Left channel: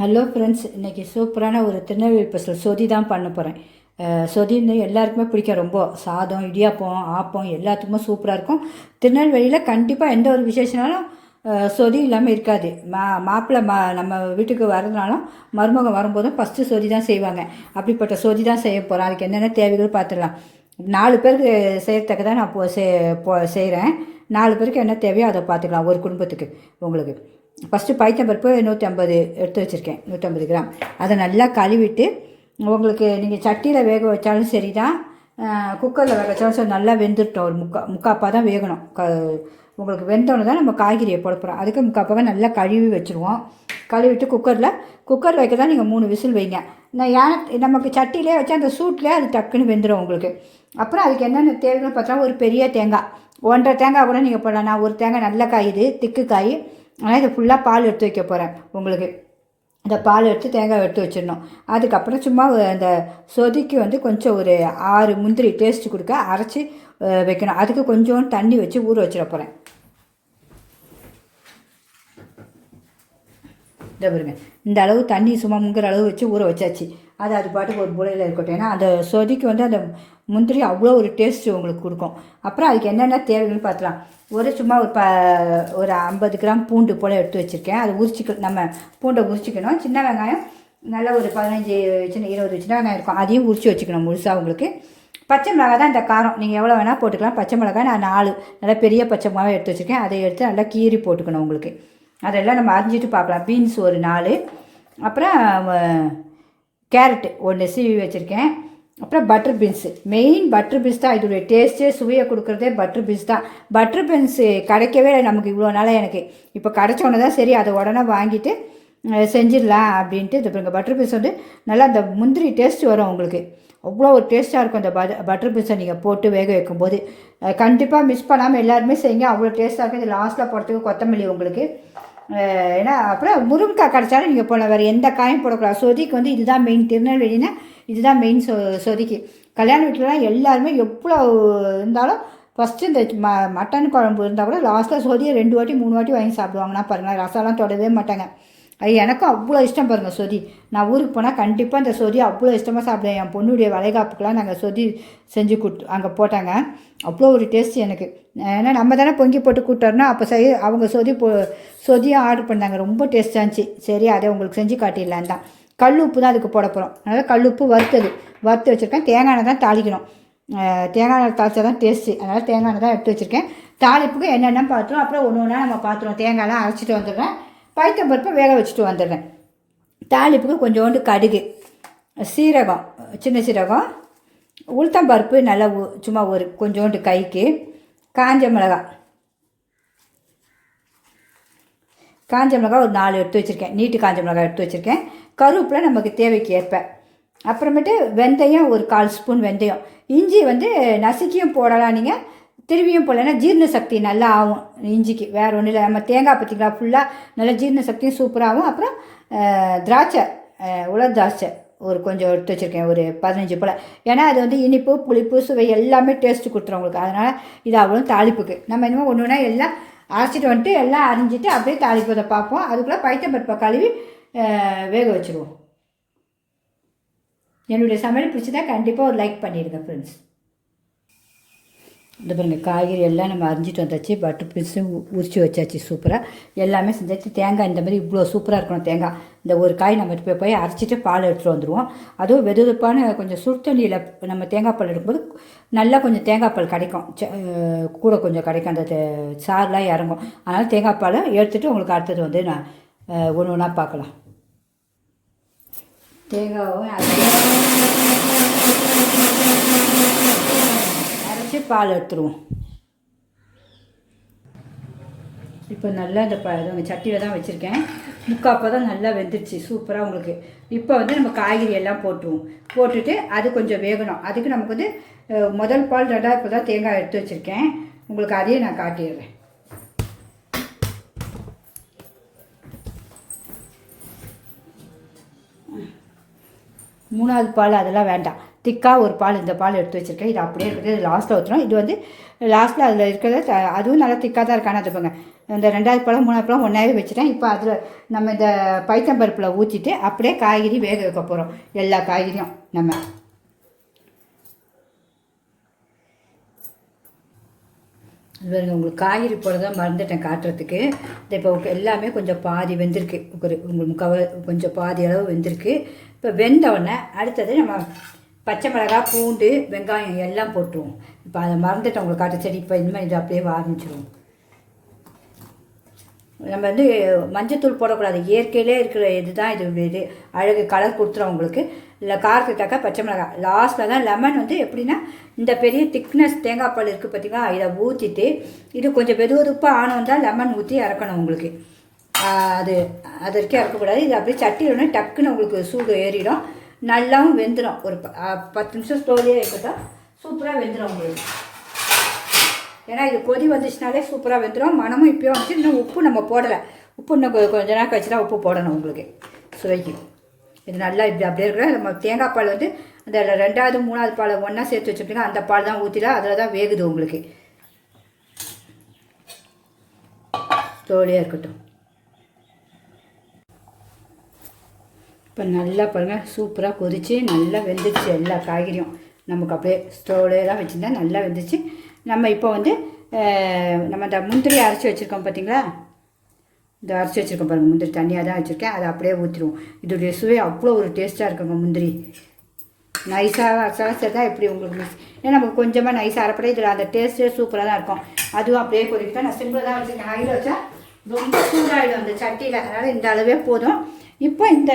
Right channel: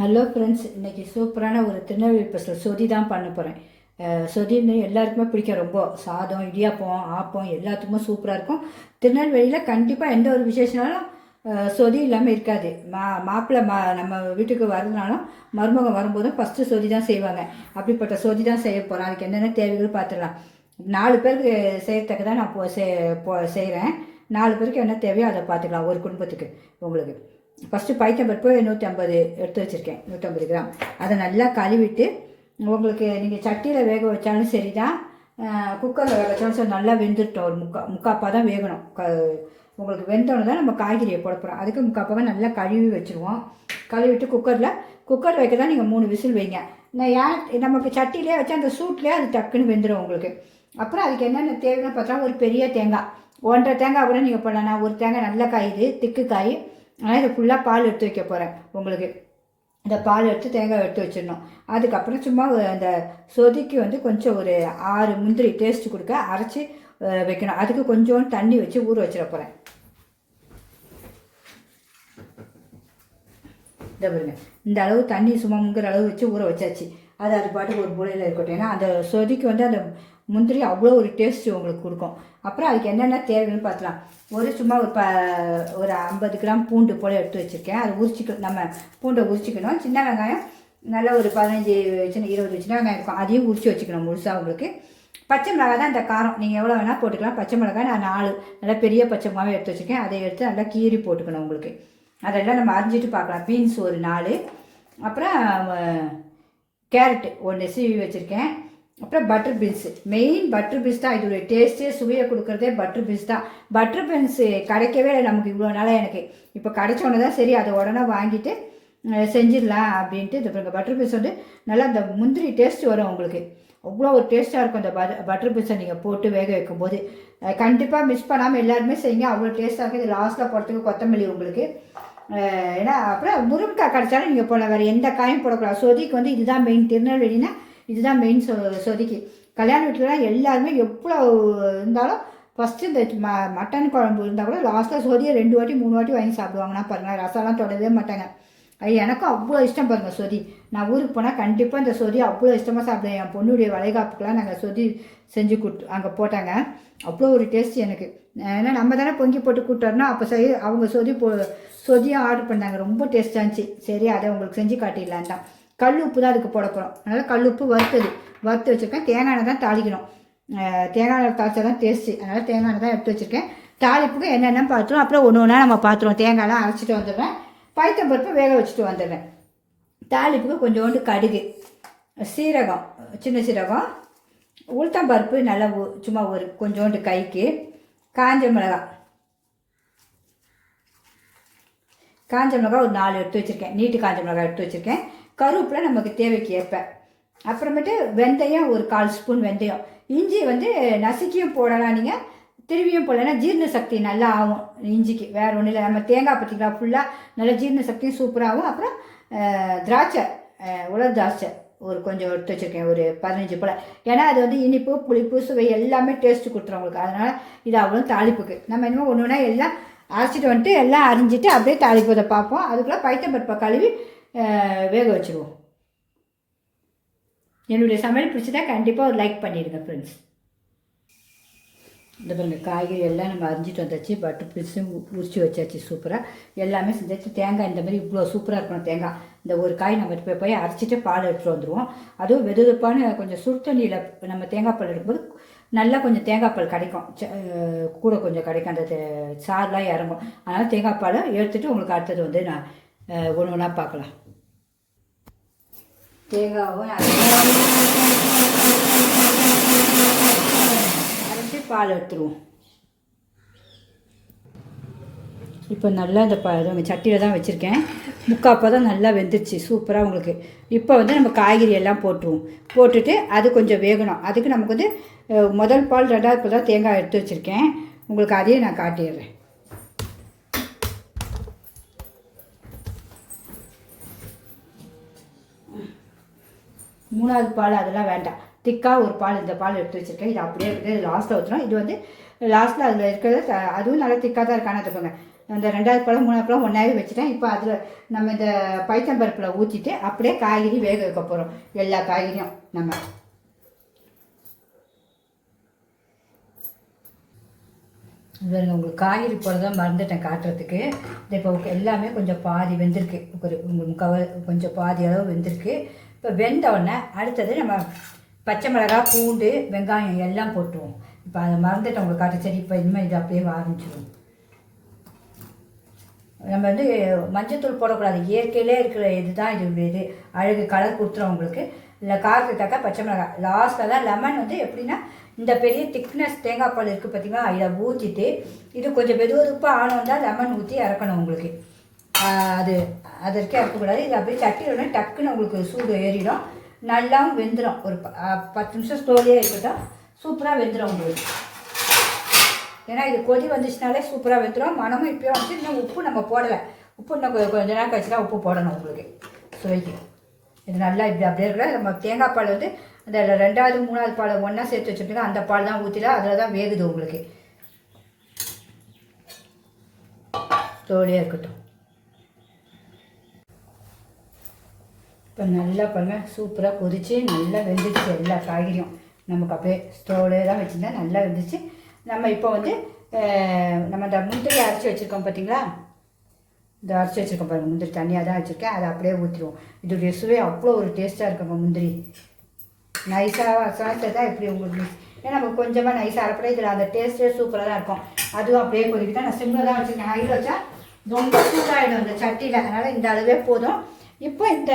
Hello friends இன்றைக்கி சூப்பரான ஒரு திருநெல்வேலி ஸ்பெஷல் சொதி தான் பண்ண போகிறேன் சொதின்னு எல்லாருக்குமே பிடிக்கும். ரொம்ப சாதம் இடியாப்பம் ஆப்பம் எல்லாத்துக்குமே சூப்பராக இருக்கும். திருநெல்வேலியில் கண்டிப்பாக எந்த ஒரு விசேஷனாலும் சொதி இல்லாமல் இருக்காது. மா மாப்பிள்ளை மா நம்ம வீட்டுக்கு வரதுனாலும் மருமகம் வரும்போதும் ஃபஸ்ட்டு சொதி தான் செய்வாங்க. அப்படிப்பட்ட சொதி தான் செய்ய போகிறோம் அதுக்கு என்னென்ன தேவைகள் பார்த்துடலாம் நாலு பேருக்கு செய்கிறதுக்கு தான் நான் போ செய் போ செய்கிறேன் நாலு பேருக்கு என்ன தேவையோ அதை பார்த்துக்கலாம் ஒரு குடும்பத்துக்கு உங்களுக்கு. ஃபஸ்ட்டு பைத்தம்பருப்பு நூற்றி ஐம்பது எடுத்து வச்சுருக்கேன் நூற்றம்பது கிராம். அதை நல்லா கழுவிட்டு உங்களுக்கு நீங்கள் சட்டியில் வேக வச்சாலும் சரி தான் குக்கரில் வேக வச்சாலும் சரி நல்லா வெந்துட்டோம் ஒரு முக்கா முக்காப்பாக தான் வேகணும். க உங்களுக்கு வெந்தோன்னு தான் நம்ம காய்கறியை போடப்போகிறோம் அதுக்கு முக்காப்பாக நல்லா கழுவி வச்சுருவோம். கழுவிட்டு குக்கரில் குக்கர் வைக்க தான் நீங்கள் மூணு விசில் வைங்க. நான் ஏன் நமக்கு சட்டிலே வச்சு அந்த சூட்லேயே அது டக்குன்னு வெந்துடும் உங்களுக்கு. அப்புறம் அதுக்கு என்னென்ன தேவைன்னு பார்த்தா ஒரு பெரிய தேங்காய். ஒன்றரை தேங்காய் கூட நீங்கள் போடலாம். நான் ஒரு தேங்காய் நல்ல காய் இது திக்கு காய். ஆனால் இது ஃபுல்லாக பால் எடுத்து வைக்க போகிறேன் உங்களுக்கு இந்த பால் எடுத்து தேங்காய் எடுத்து வச்சிடணும். அதுக்கப்புறம் சும்மா அந்த சொதிக்கு வந்து கொஞ்சம் ஒரு ஆறு முந்திரி டேஸ்ட் கொடுக்க அரைச்சி வைக்கணும். அதுக்கு கொஞ்சம் தண்ணி வச்சு ஊற வச்சிட போகிறேன் இந்த பாருங்க. இந்த அளவு தண்ணி சும்மா முங்குற அளவு வச்சு ஊற வச்சாச்சு. அது அது பாட்டுக்கு ஒரு புலையில் இருக்கட்டும். ஏன்னா அந்த சொதிக்கு வந்து அந்த முந்திரி அவ்வளோ ஒரு டேஸ்ட்டு உங்களுக்கு கொடுக்கும். அப்புறம் அதுக்கு என்னென்ன தேவைன்னு பார்த்துலாம் ஒரு சும்மா ஒரு ப ஒரு ஐம்பது கிராம் பூண்டு போல் எடுத்து வச்சுருக்கேன். அது உரிச்சிக்க நம்ம பூண்டை உரிச்சிக்கணும். சின்ன வெங்காயம் நல்லா ஒரு பதினஞ்சு சின்ன இருபது சின்ன வெங்காயம் இருக்கும். அதையும் உரிச்சு வச்சுக்கணும் முழுசாக உங்களுக்கு. பச்சை மிளகாய் தான் இந்த காரம். நீங்கள் எவ்வளோ வேணால் போட்டுக்கலாம். பச்சை மிளகாய் நான் நாலு நல்லா பெரிய பச்சை மிளகாய் எடுத்து வச்சுருக்கேன். அதை எடுத்து நல்லா கீறி போட்டுக்கணும் உங்களுக்கு. அதெல்லாம் நம்ம அரிஞ்சிட்டு பார்க்கலாம். பீன்ஸ் ஒரு நாலு. அப்புறம் கேரட்டு ஒன்று சீவி வச்சுருக்கேன். அப்புறம் butter beans main butter beans தான் இதோடைய டேஸ்ட்டே சுவையை கொடுக்குறதே பட்டர் பீன்ஸ் தான். பட்டர் பீன்ஸு கிடைக்கவே நமக்கு இவ்வளோ நாளாக எனக்கு. இப்போ கிடச்சோன்னு தான் சரி அதை உடனே வாங்கிட்டு செஞ்சிடலாம் அப்படின்ட்டு இது பாருங்க. பட்டர் பீன்ஸ் வந்து நல்லா அந்த முந்திரி டேஸ்ட் வரும் உங்களுக்கு. அவ்வளோ ஒரு டேஸ்ட்டாக இருக்கும் அந்த பட் பட்டர் பீன்ஸை நீங்கள் போட்டு வேக வைக்கும்போது. கண்டிப்பாக மிஸ் பண்ணாமல் எல்லாருமே செய்யுங்க. அவ்வளோ டேஸ்ட்டாக இருக்குது இது லாஸ்ட்டில் போடுறதுக்கு கொத்தமல்லி உங்களுக்கு. ஏன்னா அப்புறம் முருங்கைக்காய் கிடச்சாலும் நீங்கள் போடலாம். வேறு எந்த காயும் போடக்கூடாது. சொதிக்கு வந்து இதுதான் மெயின் திருநெல்வேலினா இதுதான் மெயின் சொ சொதிக்கு கல்யாண வீட்டிலலாம் எல்லாருமே எவ்வளோ இருந்தாலும் ஃபஸ்ட்டு இந்த ம மட்டன் குழம்பு இருந்தால் கூட லாஸ்ட்டாக சொதியை ரெண்டு வாட்டி மூணு வாட்டி வாங்கி சாப்பிடுவாங்கன்னா பாருங்கள் ரசம்லாம் தொடவே மாட்டாங்க. அது எனக்கும் அவ்வளோ இஷ்டம் பாருங்கள் சொதி நான் ஊருக்கு போனால் கண்டிப்பாக இந்த சொதி அவ்வளோ இஷ்டமாக சாப்பிடுவேன். என் பொண்ணுடைய வளைகாப்புக்கெலாம் நாங்கள் சொதி செஞ்சு கொடுத்து அங்கே போட்டாங்க. அவ்வளோ ஒரு டேஸ்ட் எனக்கு. ஏன்னா நம்ம தானே பொங்கி போட்டு கூப்பிட்டோம்னா அப்போ செய்ய அவங்க சொதி போ சொதியும் ஆர்டர் பண்ணாங்க. ரொம்ப டேஸ்ட்டாக இருந்துச்சு. சரி அதை உங்களுக்கு செஞ்சு காட்டிடலான் தான் கல் உப்பு தான் அதுக்கு போட போகிறோம் அதனால் கல் உப்பு வறுத்தது. வறுத்து வச்சுருக்கேன். தேங்காய் எண்ணெய் தான் தாளிக்கணும். தேங்காய் எண்ணெய் தாளிச்சா தான் டேஸ்ட்டு அதனால் தேங்காய் எண்ணெய் தான் எடுத்து வச்சுருக்கேன். தாளிப்புக்கு என்னென்ன பார்த்துருவோம். அப்புறம் ஒன்று ஒன்றா நம்ம பார்த்துருவோம் தேங்காய்லாம் அரைச்சிட்டு வந்துடுறேன். பருப்பை வேக வச்சுட்டு வந்துடுறேன். தாளிப்புக்கு கொஞ்சோண்டு கடுகு சீரகம் சின்ன சீரகம் உளுத்தம்பருப்பு நல்லா சும்மா ஒரு கொஞ்சோண்டு கைக்கு காஞ்ச மிளகாய் காஞ்ச மிளகாய் ஒரு நாலு எடுத்து வச்சுருக்கேன். நீட்டு காஞ்ச மிளகாய் எடுத்து வச்சுருக்கேன். கருவேப்பிலை நமக்கு தேவைக்கு ஏற்ப. அப்புறமேட்டு வெந்தயம் ஒரு கால் ஸ்பூன் வெந்தயம். இஞ்சி வந்து நசுக்கியும் போடலாம் நீங்கள் திரும்பியும் போடலைன்னா ஜீரண சக்தி நல்லா ஆகும் இஞ்சிக்கு. வேறு ஒன்றும் இல்லை. நம்ம தேங்காய் பற்றிக்கலாம் ஃபுல்லாக நல்லா ஜீரண சக்தியும் சூப்பராகவும் அப்புறம் திராட்சை உலர் திராட்சை ஒரு கொஞ்சம் எடுத்து வச்சுருக்கேன். ஒரு பதினஞ்சு போல். ஏன்னா அது வந்து இனிப்பு புளிப்பு சுவை எல்லாமே டேஸ்ட்டு கொடுத்துரும் உங்களுக்கு. அதனால் இது அவ்வளோ தாளிப்புக்கு. நம்ம இனிமேல் ஒன்று ஒன்றா எல்லாம் அரைச்சிட்டு வந்துட்டு எல்லாம் அரிஞ்சிட்டு அப்படியே தாளிப்பதை பார்ப்போம். அதுக்குள்ளே பைத்தம்பருப்பை கழுவி வேக வச்சுருவோம். என்னுடைய சமையல் பிடிச்சதா கண்டிப்பாக ஒரு லைக் பண்ணிடுங்க ஃப்ரெண்ட்ஸ் இந்த பாருங்க காய்கறி எல்லாம் நம்ம அரிஞ்சிட்டு வந்தாச்சு பட்டு பீஸும் உரிச்சு வச்சாச்சு சூப்பராக எல்லாமே செஞ்சாச்சு. தேங்காய் இந்த மாதிரி இவ்வளோ சூப்பராக இருக்கணும் தேங்காய். இந்த ஒரு காய் நம்ம போய் போய் அரைச்சிட்டு பால் எடுத்துகிட்டு வந்துடுவோம் அதுவும் வெது வெதுப்பான கொஞ்சம் சுடுத்தண்ணியில் நம்ம தேங்காய் பால் எடுக்கும்போது நல்லா கொஞ்சம் தேங்காய் பால் கிடைக்கும். ச- கூட கொஞ்சம் கிடைக்கும். அந்த சார்லாம் சாறுலாம் இறங்கும். அதனால் தேங்காய் பாலை எடுத்துகிட்டு உங்களுக்கு அடுத்தது வந்து நான் ஒன்று ஒன்றா பார்க்கலாம். தேங்காவும் அரைச்சி பால் எடுத்துருவோம். இப்போ நல்லா இந்த ப நம்ம சட்டியில் தான் வச்சுருக்கேன். முக்கால் தான் நல்லா வெந்துருச்சு. சூப்பராக உங்களுக்கு. இப்போ வந்து நம்ம காய்கறி எல்லாம் போட்டுருவோம். போட்டுட்டு அது கொஞ்சம் வேகணும். அதுக்கு நமக்கு வந்து முதல் பால் ரெண்டாவது இப்போ தான் தேங்காய் எடுத்து வச்சுருக்கேன். உங்களுக்கு அதையும் நான் காட்டிடுறேன். மூணாவது பால் அதெல்லாம் வேண்டாம். திக்காக ஒரு பால் இந்த பால் எடுத்து வச்சுருக்கேன். இது அப்படியே இருக்குது. லாஸ்ட்டில் ஊற்றணும் இது வந்து லாஸ்ட்டில் அதில் இருக்கிறது த- அதுவும் நல்லா திக்காக தான் இருக்கான அது அந்த ரெண்டாவது பழம் மூணாவது பழம் ஒன்றாவே வச்சுட்டேன். இப்போ அதில் நம்ம இந்த பைத்தம்பருப்பில் ஊற்றிட்டு அப்படியே காய்கறி வேக வைக்க போகிறோம் எல்லா காய்கறியும் நம்ம. பாருங்க உங்களுக்கு காய்கறி போடுறத மறந்துட்டேன் காட்டுறதுக்கு. இந்த இப்போ எல்லாமே கொஞ்சம் பாதி வெந்திருக்கு. ஒரு உங்களுக்கு முக்கால் கொஞ்சம் பாதி அளவு வெந்திருக்கு. இப்போ வெந்த உடனே அடுத்தது நம்ம பச்சை மிளகாய் பூண்டு வெங்காயம் எல்லாம் போட்டுருவோம். இப்போ அதை மறந்துட்டேன் உங்களுக்கு காட்ட இப்போ இனிமேல் இது அப்படியே ஆரம்பிச்சிருவோம் நம்ம வந்து மஞ்சத்தூள் போடக்கூடாது. இயற்கையிலே இருக்கிற இதுதான் இது இது அழகு கலர் கொடுத்துரும் உங்களுக்கு. இல்லை காரத்துக்கு பச்சை மிளகாய். லாஸ்ட்டில் தான் லெமன் வந்து எப்படின்னா இந்த பெரிய திக்னஸ் தேங்காய் பால் இருக்குது பார்த்தீங்களா இதை ஊற்றிட்டு இது கொஞ்சம் வெது வெதுப்பாக ஆனோம் தான் லெமன் ஊற்றி இறக்கணும் உங்களுக்கு. அது அது வரைக்கும் இறக்கக்கூடாது இது அப்படியே சட்டி உடனே டக்குன்னு உங்களுக்கு சூடு ஏறிடும். நல்லாவும் வெந்துடும் ஒரு ப- பத்து நிமிஷம் ஸ்லோலியாக இருக்கட்டும். சூப்பராக வெந்துடும் உங்களுக்கு. ஏன்னா இது கொதி வந்துச்சுனாலே சூப்பராக வெந்துடும் மனமும் இப்போயும் வந்துச்சு. இன்னும் உப்பு நம்ம போடலை. உப்பு இன்னும் கொஞ்சம் நேரம் கழிச்சு தான் உப்பு போடணும் உங்களுக்கு. சுவைக்கு. இது நல்லா இப்படி அப்படியே இருக்கிற நம்ம தேங்காய் பால் வந்து அந்த ரெண்டாவது மூணாவது பால் ஒன்றா சேர்த்து வச்சுருப்பீங்க அந்த பால் தான் ஊற்றிடலாம் அதில் தான் வேகுது உங்களுக்கு. ஸ்லோலியாக இருக்கட்டும். இப்போ நல்லா பாருங்கள் சூப்பராக கொதிச்சு நல்லா வெந்துச்சு எல்லா காய்கறியும். நமக்கு அப்படியே ஸ்டோலே தான் வச்சுருந்தா நல்லா வெந்துச்சு நம்ம இப்போ வந்து நம்ம இந்த முந்திரி அரைச்சி வச்சுருக்கோம் பார்த்தீங்களா இந்த அரைச்சி வச்சுருக்கோம் பாருங்கள் முந்திரி தண்ணியாக தான் வச்சுருக்கேன். அதை அப்படியே ஊற்றிடுவோம் இதோடைய சுவை அவ்வளோ ஒரு டேஸ்ட்டாக இருக்குங்க முந்திரி. நைஸாக அரைச்சா தான் எப்படி உங்களுக்கு ஏன்னா நமக்கு கொஞ்சமாக நைஸாக அரைப்பட இதில் அந்த டேஸ்ட்டே சூப்பராக தான் இருக்கும். அதுவும் அப்படியே கொதிக்கிட்டா நான் சிம்மில் தான் வச்சுருக்கேன். ஹையில் வச்சா ரொம்ப சூடாகிடும் அந்த சட்டியில். அதனால் இந்த அளவே போதும். இப்போ இந்த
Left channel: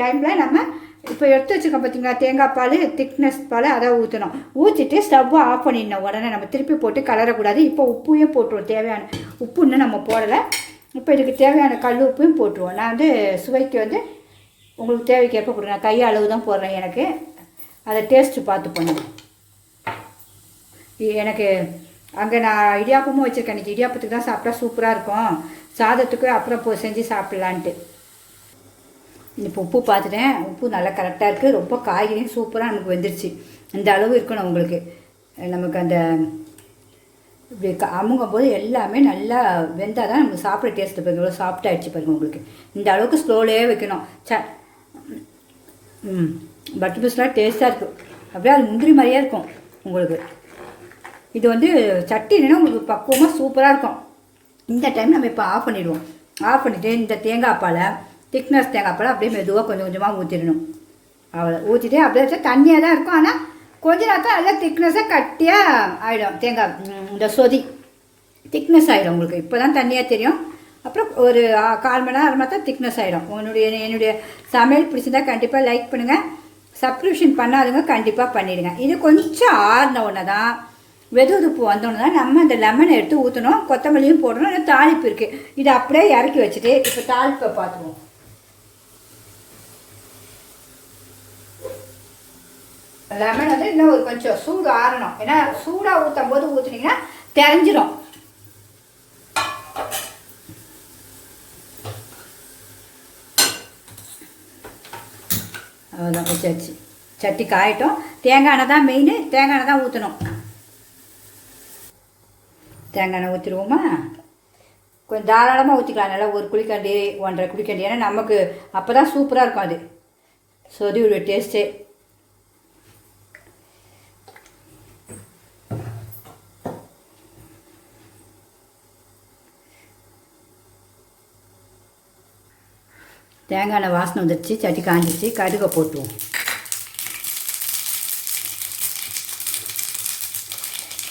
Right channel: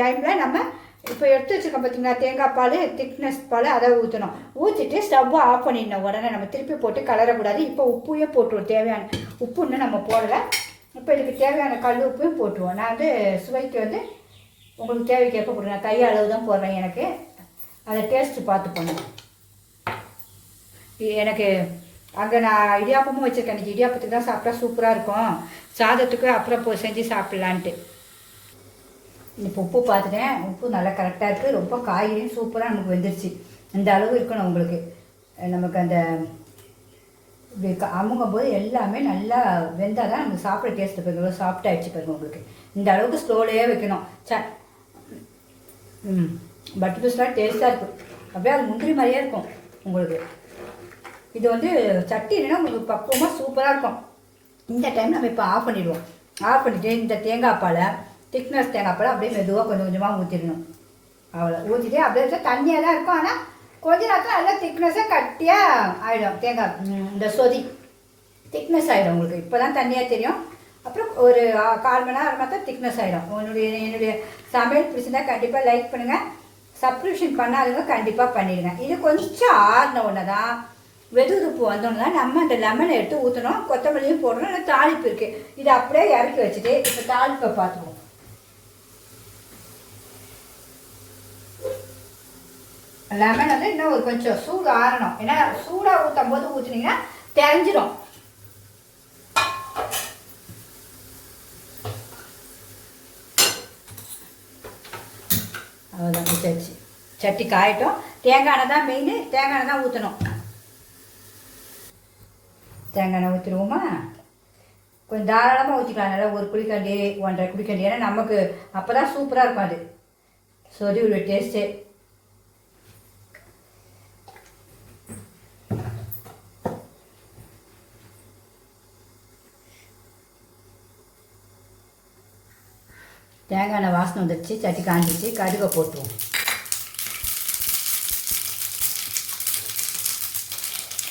டைமில் நம்ம இப்போ எடுத்து வச்சுருக்கோம் பார்த்தீங்களா தேங்காய் பால் திக்னஸ் பால் அதை ஊற்றணும் ஊற்றிட்டு ஸ்டவ்வை ஆஃப் பண்ணிடணும். உடனே நம்ம திருப்பி போட்டு கலரக்கூடாது. இப்போ உப்பையும் போட்டுருவோம். தேவையான உப்பு இன்னும் நம்ம போடலை. இப்போ இதுக்கு தேவையான கல் உப்பையும் போட்டுருவோம். நான் வந்து சுவைக்கு வந்து உங்களுக்கு தேவைக்கு எப்போ போடுறேன் கை அளவு தான் போடுறேன் எனக்கு. அதை டேஸ்ட்டு பார்த்து பண்ணுவோம். எனக்கு அங்கே நான் இடியாப்பமும் வச்சுருக்கேன். இன்றைக்கி இடியாப்பத்துக்கு தான் சாப்பிட்டா சூப்பராக இருக்கும். சாதத்துக்கு அப்புறம் போ செஞ்சு சாப்பிட்லான்ட்டு. இப்போ உப்பு பார்த்துட்டேன் உப்பு நல்லா கரெக்டாக இருக்குது ரொம்ப காய்கறியும் சூப்பராக நமக்கு வெந்துருச்சு. இந்த அளவு இருக்கணும் உங்களுக்கு. நமக்கு அந்த இப்படி க- அமுங்கும் போது எல்லாமே நல்லா வெந்தால் தான் நமக்கு சாப்பிட டேஸ்ட் பாருங்க இவ்வளோ சாஃப்ட் பாருங்க உங்களுக்கு. இந்த அளவுக்கு ஸ்லோலே வைக்கணும். ச ம் பட்டர் பீஸ்லாம் டேஸ்ட்டாக இருக்கும். அப்படியே அது முந்திரி மாதிரியே இருக்கும் உங்களுக்கு. இது வந்து சட்டினா உங்களுக்கு பக்குவமாக சூப்பராக இருக்கும். இந்த டைம் நம்ம இப்போ ஆஃப் பண்ணிடுவோம். ஆஃப் பண்ணிவிட்டு இந்த தேங்காய் பாலை திக்னஸ் தேங்காய் அப்படியே மெதுவாக கொஞ்சம் கொஞ்சமாக ஊற்றிடணும் அவ்வளோ ஊற்றிட்டு அப்படியே வச்சா தண்ணியாக தான் இருக்கும். ஆனால் கொஞ்ச நேரத்தில் நல்லா திக்னஸாக கட்டியாக ஆகிடும் தேங்காய் இந்த சொதி. திக்னஸ் ஆகிடும் உங்களுக்கு. இப்போ தான் தண்ணியாக தெரியும். அப்புறம் ஒரு கால் மணி நேரம் தான் திக்னஸ் ஆகிடும் உன்னுடைய என்னுடைய சமையல் பிடிச்சிருந்தா கண்டிப்பாக லைக் பண்ணுங்கள் சப்ஸ்கிரிப்ஷன் பண்ணாதவங்க கண்டிப்பாக பண்ணிவிடுங்க இது கொஞ்சம் ஆறின உடனே தான் வெதுவெதுப்பு வந்தோன்னு தான் நம்ம அந்த லெமனை எடுத்து ஊற்றணும் கொத்தமல்லியும் போடணும். இல்லை தாளிப்பு இருக்குது இதை அப்படியே இறக்கி வச்சுட்டு இப்போ தாளிப்பை பார்த்துவோம் லெமன் வந்து இன்னும் ஒரு கொஞ்சம் சூடு ஆறணும். ஏன்னா சூடாக ஊற்றும் போது ஊற்றுனீங்கன்னா தெரிஞ்சிடும் அவ்வளோதான் வச்சாச்சு சட்டி காயட்டும். தேங்காய் எண்ணெய் தான் மெயின் தேங்காய் எண்ணெய் தான் ஊற்றணும் தேங்காய் எண்ணெய் ஊற்றிடுவோமா கொஞ்சம் தாராளமாக ஊற்றிக்கலாம் நல்லா ஒரு குழிக்கண்டி ஒன்றரை குழிக்கண்டி ஏன்னா நமக்கு அப்போ தான் சூப்பராக இருக்கும் அது. சொதியோட டேஸ்ட்டே தேங்காய் எண்ணெய் வாசனை வந்துடுச்சு சட்டி காஞ்சிச்சு கடுகை போட்டுவோம்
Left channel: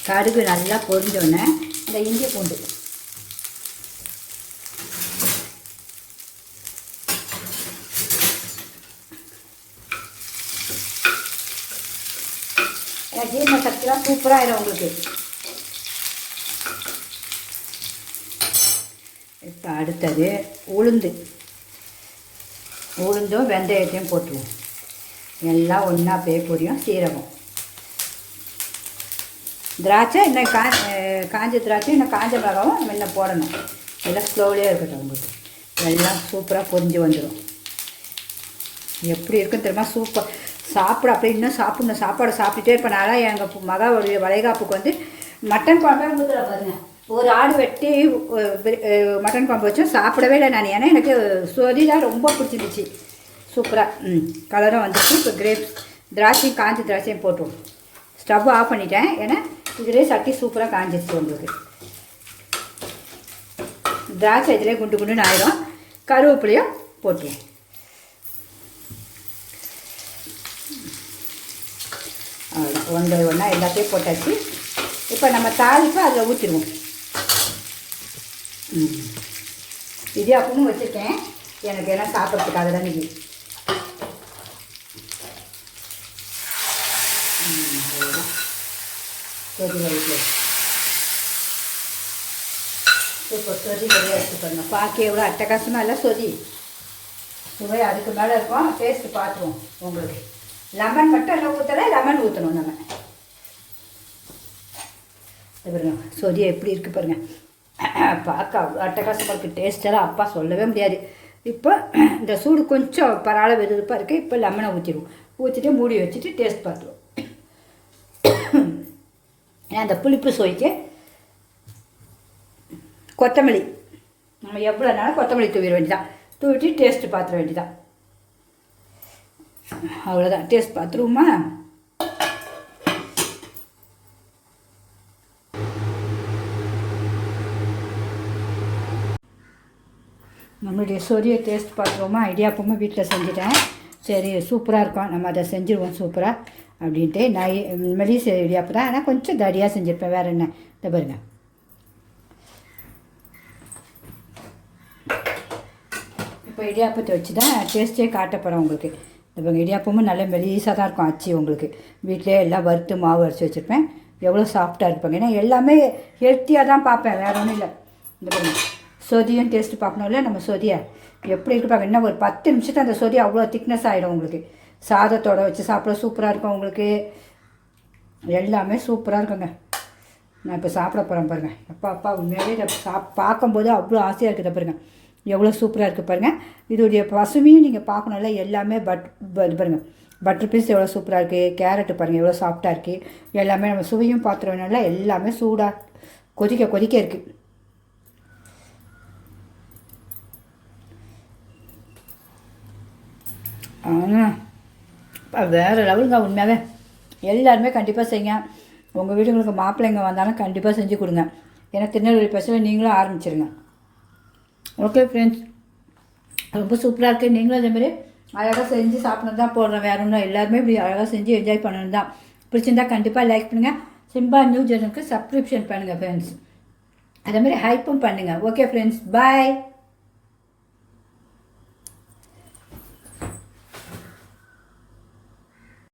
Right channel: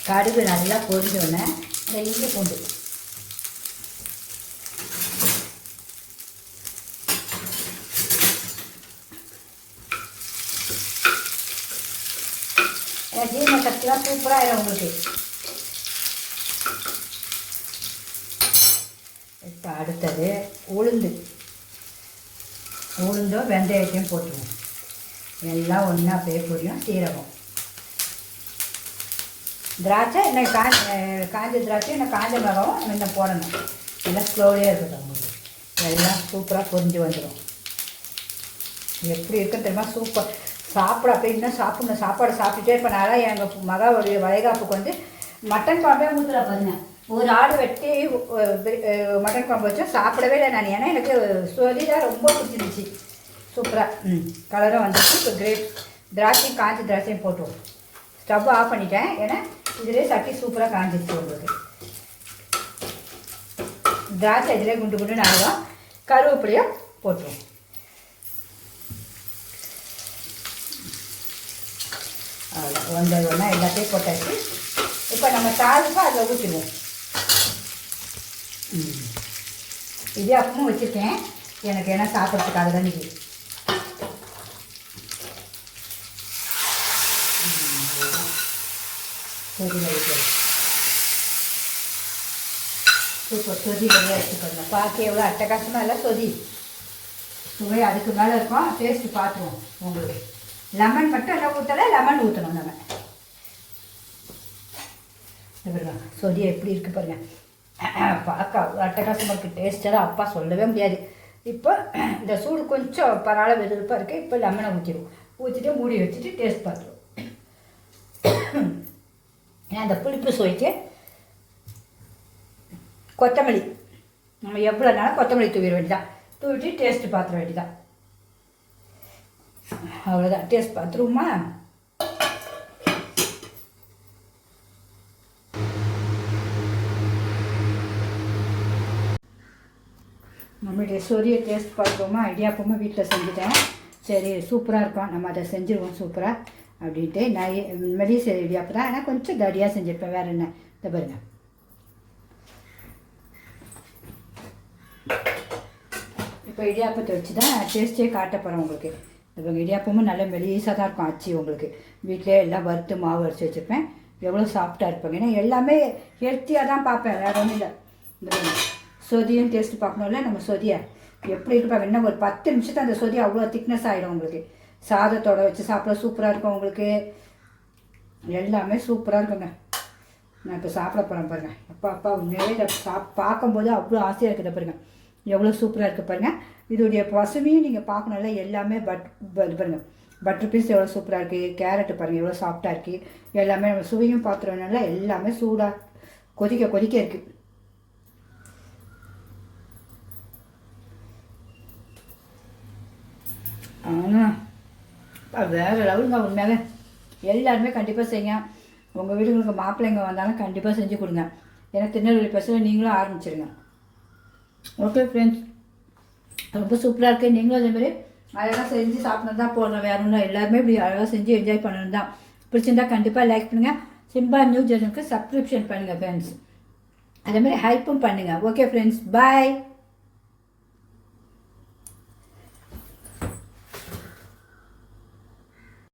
கடுகு நல்லா பொரிஞ்சோடனே இந்த இஞ்சி பூண்டு. ஜீரண சக்திலாம் சூப்பராக ஆயிடும் உங்களுக்கு. இப்போ அடுத்தது உளுந்து. உளுந்தும் வெந்தயத்தையும் போட்டுருவோம். எல்லாம் ஒன்றா அப்படியே பொரியும் சீரகம். திராட்சை என்ன கா காஞ்ச திராட்சை இன்னும் காஞ்ச மரம் இன்னும் போடணும். எல்லாம் ஸ்லோலியாக இருக்கட்டும் உங்களுக்கு. எல்லாம் சூப்பராக பொரிஞ்சு வந்துடும் எப்படி இருக்கும் தெரியுமா? சூப்பர் சாப்பிட அப்படியே இன்னும் சாப்பிடணும். சாப்பாடு சாப்பிட்டுட்டே இருப்பேன். நான் எங்கள் மகாவுடைய வளைகாப்புக்கு வந்து மட்டன் குழம்பே ஊற்றுற பாருங்க. ஒரு ஆடு வெட்டி மட்டன் குழம்பு வச்சோம் சாப்பிடவே இல்லை நான். ஏன்னா எனக்கு சொதி ரொம்ப பிடிச்சிருச்சு சூப்பராக ம் கலராக வந்துச்சு. இப்போ கிரேப்ஸ் திராட்சையும் காஞ்சி திராட்சையும் போட்டுவோம் ஸ்டவ் ஆஃப் பண்ணிட்டேன். ஏன்னா இதிலே சட்டி சூப்பராக காஞ்சிச்சு உங்களுக்கு. திராட்சை இதிலே குண்டு குண்டுன்னு ஆயிடும் கருவேப்பிலையும் போட்டுருவோம். அவ்வளோ ஒன்றை ஒன்றா எல்லாத்தையும் போட்டாச்சு. இப்போ நம்ம தாளிப்பு அதில் ஊற்றிடுவோம். இடியாப்பமும் வச்சுருக்கேன். எனக்கு என்ன சாப்பிட்றதுக்காக தான் இது சரி வைக்கிறேன் இப்போ சொதி ரெடியாக எடுத்துக்கணும் பார்க்க எவ்வளோ அட்டகாசமாக இல்லை சொதி சுவை அதுக்கு மேலே இருக்கும். டேஸ்ட்டு பார்த்துருவோம் உங்களுக்கு. லெமன் மட்டும் என்ன ஊற்றலை லெமன் ஊற்றணும் நம்ம. பாருங்க. சொதியை எப்படி இருக்குது பாருங்கள் பார்க்க அவ்வளோ அட்டகாசமாக இருக்குது டேஸ்ட்டெல்லாம் அப்பா சொல்லவே முடியாது. இப்போ இந்த சூடு கொஞ்சம் பரவாயில்ல வெதுப்பாக இருக்குது இப்போ லெமனை ஊற்றிடுவோம் ஊற்றிட்டு மூடி வச்சுட்டு டேஸ்ட் பார்த்துருவோம். அந்த புளிப்பு சுவைக்கு கொத்தமல்லி. நம்ம எவ்வளோனாலும் கொத்தமல்லி தூவிட வேண்டியதான் தூவிட்டு டேஸ்ட்டு பார்த்துட வேண்டியதான் அவ்வளோதான் டேஸ்ட் பார்த்துருவோமா? நம்மளுடைய சொரிய டேஸ்ட் பார்க்குறோமா? இடியாப்பமும் வீட்டில் செஞ்சுட்டேன். சரி சூப்பராக இருக்கும். நம்ம அதை செஞ்சுருவோம் சூப்பராக அப்படின்ட்டு நான் சரி இடியாப்பம் தான் ஆனால் கொஞ்சம் தடியாக செஞ்சுருப்பேன். வேறு என்ன? இதை பாருங்க. இப்போ இடியாப்பத்தை வச்சு தான் டேஸ்ட்டே காட்ட போகிறேன் உங்களுக்கு. இப்போ இடியாப்பமும் நல்ல மெலிசாக தான் இருக்கும் அச்சு உங்களுக்கு. வீட்டிலே எல்லாம் வறுத்து மாவு அரைச்சி வச்சுருப்பேன். எவ்வளோ சாஃப்டாக இருப்பாங்க. ஏன்னா எல்லாமே ஹெல்த்தியாக தான் பார்ப்பேன். வேறு ஒன்றும் இல்லை. இந்த பாருங்கள் சொதியும் டேஸ்ட்டு பார்க்கணும்ல நம்ம சொதியை. எப்படி இருக்கு இன்னும் ஒரு பத்து நிமிஷத்தை அந்த சொதி அவ்வளோ திக்னஸ் ஆகிடும் உங்களுக்கு. சாதத்தோட வச்சு சாப்பிட சூப்பராக இருக்கும் உங்களுக்கு. எல்லாமே சூப்பராக இருக்குங்க. நான் இப்போ சாப்பிட போகிறேன் பாருங்கள் அப்பா அப்பா உண்மையிலே இதை சாப் பார்க்கும்போது அவ்வளோ ஆசையாக இருக்குது பாருங்கள் எவ்வளோ சூப்பராக இருக்குது பாருங்கள் இதோடைய பசுமையும் நீங்கள் பார்க்கணும்ல எல்லாமே பட் இது பாருங்க. பட்டர் பீஸ் எவ்வளோ சூப்பராக இருக்குது கேரட்டு பாருங்கள் எவ்வளோ சாஃப்டாக இருக்குது எல்லாமே நம்ம சுவையும் பார்த்துருவோம்னால எல்லாமே சூடாக கொதிக்க கொதிக்க இருக்குது ஆனால் வேறு லெவலுங்க உண்மையாகவே எல்லாருமே கண்டிப்பாக செய்யுங்க. உங்கள் வீடுங்களுக்கு மாப்பிள்ளைங்க வந்தாலும் கண்டிப்பாக செஞ்சு கொடுங்க. ஏன்னா திருநெல்வேலி பஸ்ஸில் நீங்களும் ஆரம்பிச்சிருங்க. ஓகே ஃப்ரெண்ட்ஸ் ரொம்ப சூப்பராக இருக்குது நீங்களும் அதேமாதிரி அழகாக செஞ்சு சாப்பிடணும் தான் போடுறேன். வேற ஒன்றும் எல்லாருமே இப்படி அழகாக செஞ்சு என்ஜாய் பண்ணணும் தான். பிடிச்சிருந்தா கண்டிப்பாக லைக் பண்ணுங்கள் சிம்பா நியூ சேனலுக்கு சப்ஸ்கிரிப்ஷன் பண்ணுங்கள் ஃப்ரெண்ட்ஸ் அதேமாதிரி ஹைப்பும் பண்ணுங்கள் ஓகே ஃப்ரெண்ட்ஸ் பாய்